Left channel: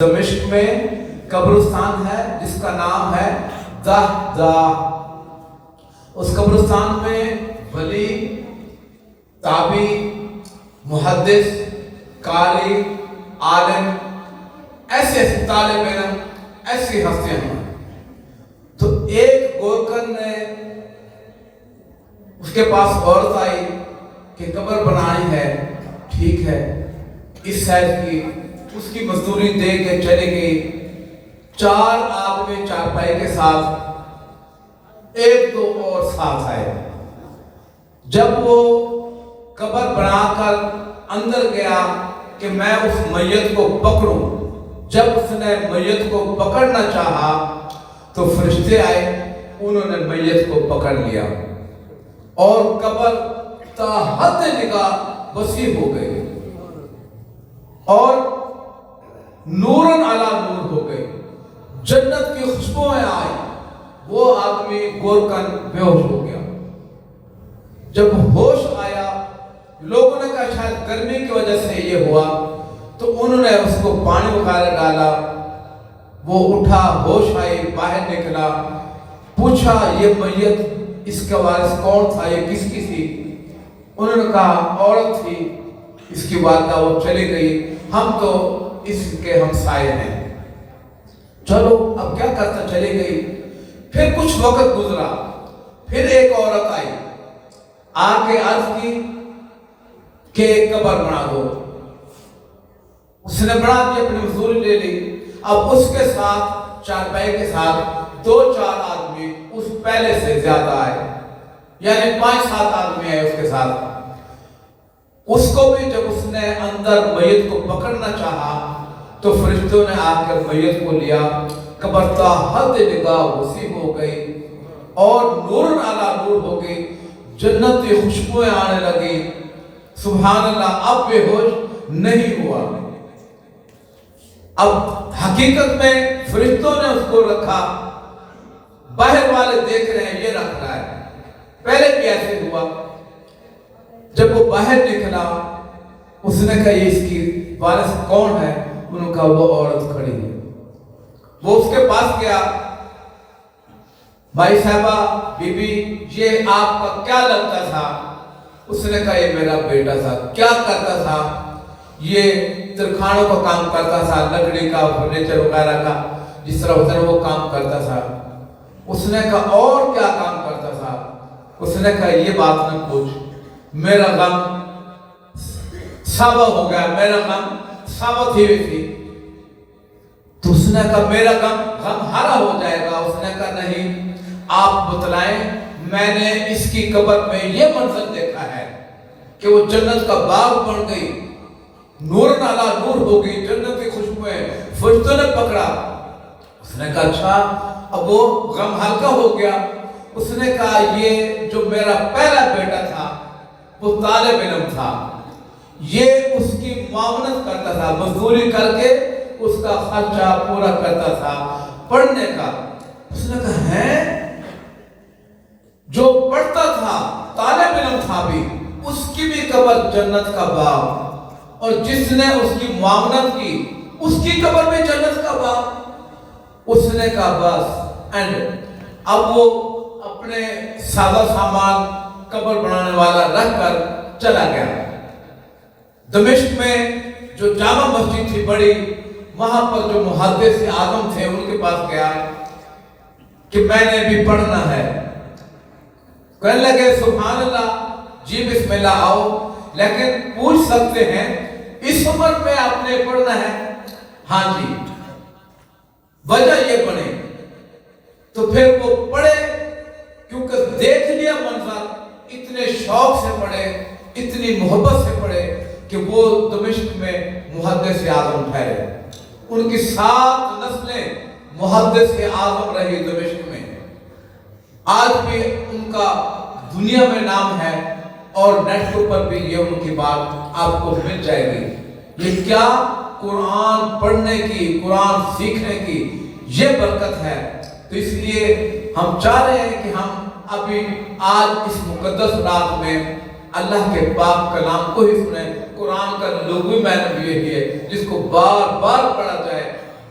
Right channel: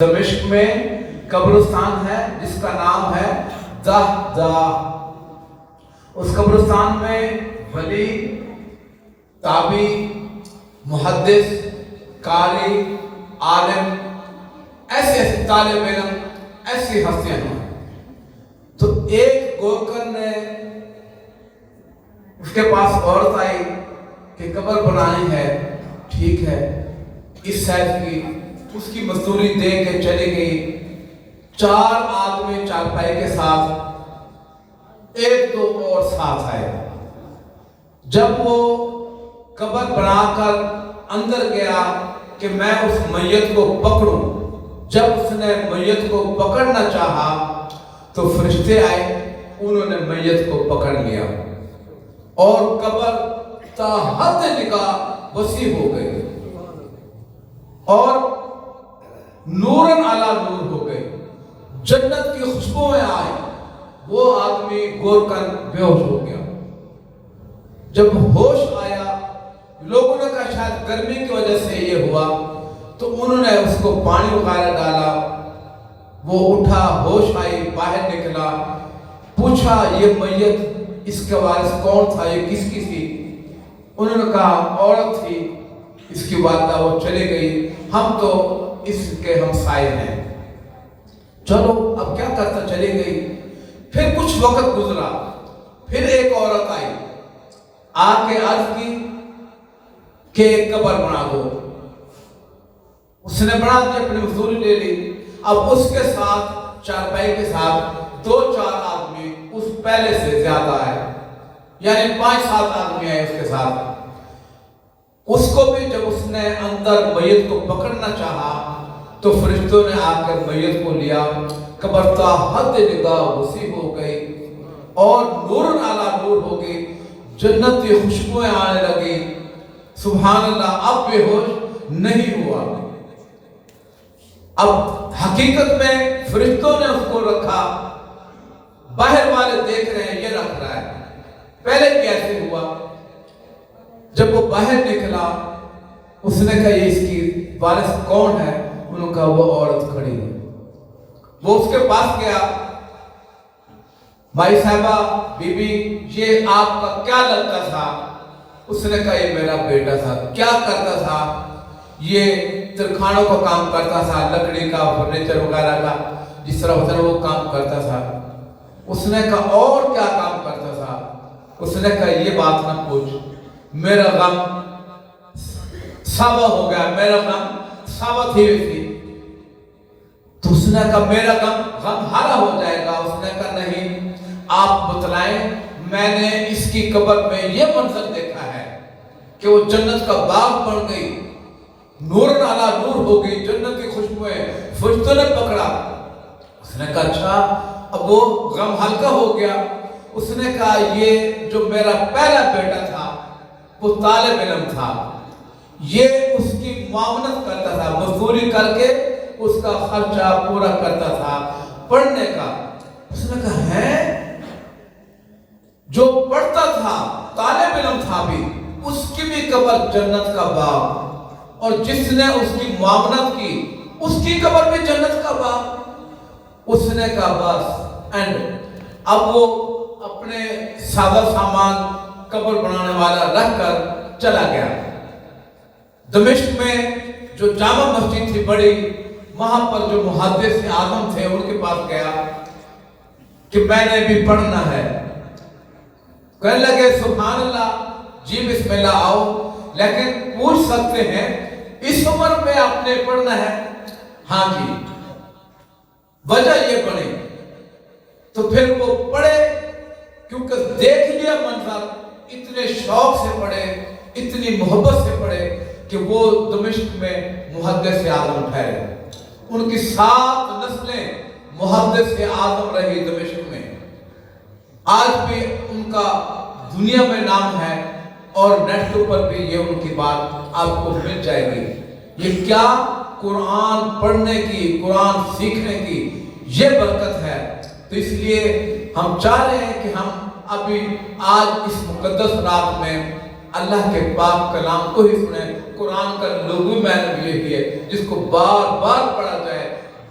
دمشق میں قبرستان ہے جس کا نام ہے دہدہ۔ اس قبرستان میں ولی، تابعی، محدث، قاری، عالم، ایسے طالب علم، ایسی ہستیاں ہیں۔ تو ایک گورکن نے اس کے پاس عورت آئی کہ قبر بنانی ہے، ٹھیک ہے، اس سائز کی، اس کی مزدوری دے کے چلی گئی۔ 4 آدمی چارپائی کے ساتھ، 1-2 اور ساتھ آئے۔ جب وہ قبر بنا کر اندر گیا کہ میں اس میت کو پکڑوں، جب اس نے میت کو پکڑنا چاہا تو فرشتے آئے، انہوں نے میت کو پکڑ لیا اور قبر تا حد نگاہ وسیع ہو گئی اور نورن علی نور ہو گئی، جنت کی خوشبوئیں آئی۔ وہ آدمی گورکن بے ہوش ہو گیا۔ جب ہوش آیا، لوگوں نے کہا شاید گرمی کی وجہ سے یہ ہوا، تو انہوں نے اس کو پانی وغیرہ ڈالا، وہ اٹھا، ہوش آئی، باہر نکلا، پوچھا یہ میت، اس کا وارث کون تھا، یہ کس کی تھی؟ انہوں نے کہا عورت تھی، اس کی والدہ، وہ چلی گئی، ہم تو اس کے ہمسائے ہیں، چلو اب کیا کرتا، چلی گئی۔ پھر کچھ وقت گزرا، پھر ایک عورت آئی، آ کے عرض کی کہ قبر بنا دو۔ اس نے بنا دی، اپنی مزدوری لے لی۔ اب اس کے ساتھ، چارپائی کے ساتھ 2-4 آدمی اس پہلے سے زیادہ آئے، یعنی 5-7 آدمی آئے اس کے ساتھ۔ اس کو بھی جب اس نے اندر میت کو پکڑنا چاہا تو فرشتوں نے آ کر میت کو لیا، قبر تا حد نگاہ وسیع ہو گئی اور نور علی نور ہو گئی، جنت کی خوشبوئیں آنے لگی۔ سبحان اللہ، اب بے ہوش نہیں ہوا۔ اب حقیقت میں فرشتوں نے اس کو رکھا، باہر والے دیکھ رہے ہیں یہ رکھ رہا ہے، پہلے بھی ایسے ہوا۔ جب وہ باہر نکلا، اس نے کہا یہ اس کی وارث کون ہے؟ انہوں نے کہا وہ عورت کھڑی ہے۔ وہ اس کے پاس گیا، بھائی صاحبہ، بی بی، یہ آپ کا کیا لگتا تھا؟ اس نے کہا یہ میرا بیٹا تھا۔ کیا کرتا تھا؟ یہ ترکھانوں کا کام کرتا تھا، لکڑی کا، فرنیچر وغیرہ کا، جس طرح ہوتا ہے وہ کام کرتا تھا۔ اس نے کہا اور کیا کام کرتا تھا؟ اس نے کہا یہ بات نہ پوچھ، میرا غم ثابت ہو گیا، میرا غم ثابت ہی تھی۔ تو اس نے کہا میرا غم ہرا ہو جائے گا۔ اس نے کہا نہیں، آپ بتلائیں، میں نے اس کی قبر میں یہ منظر دیکھا ہے کہ وہ جنت کا باغ بن گئی، نور علی نور ہو گئی، جنت کی خوشبوئیں، فرشتوں نے پکڑا۔ اس نے کہا اچھا، اب وہ غم ہلکا ہو گیا۔ اس نے کہا یہ جو میرا پہلا بیٹا تھا وہ طالب علم تھا، یہ اس کی معاونت کرتا تھا، مزدوری کر کے اس کا خرچہ پورا کرتا تھا پڑھنے کا۔ اس نے کہا ہے، جو پڑھتا تھا، طالب علم تھا بھی، اس کی بھی قبر جنت کا باغ، اور جس نے اس کی معاونت کی اس کی قبر بھی جنت کا باغ۔ اس نے کہا بس اینڈ۔ اب وہ اپنے سادہ سامان قبر بنانے والا رکھ کر چلا گیا۔ دمشق میں جو جامع مسجد تھی بڑی، وہاں پر جو محدث اعظم تھے ان کے پاس گیا کہ میں نے بھی پڑھنا ہے۔ کہنے لگے سبحان اللہ، جی بسم اللہ، آؤ، لیکن پوچھ سکتے ہیں اس عمر میں آپ نے پڑھنا ہے؟ ہاں جی۔ وجہ یہ بنے تو پھر وہ پڑھے، کیونکہ دیکھ لیا منظر، اتنے شوق سے پڑھے، اتنی محبت سے پڑھے کہ وہ دمشق میں محدث اعظم ٹھہرے۔ ان کی 7 نسلیں محدث اعظم رہی دمشق میں۔ آج بھی ان کا دنیا میں نام ہے اور نیٹ کے اوپر بھی یہ ان کی بات آپ کو مل جائے گی۔ یہ کیا قرآن پڑھنے کی، قرآن سیکھنے کی یہ برکت ہے۔ تو اس لیے ہم چاہ رہے ہیں کہ ہم ابھی آج اس مقدس رات میں اللہ کے پاک کلام کو ہی سنیں۔ قرآن کا لغوی معنی بھی یہی ہے جس کو بار بار پڑھا جائے،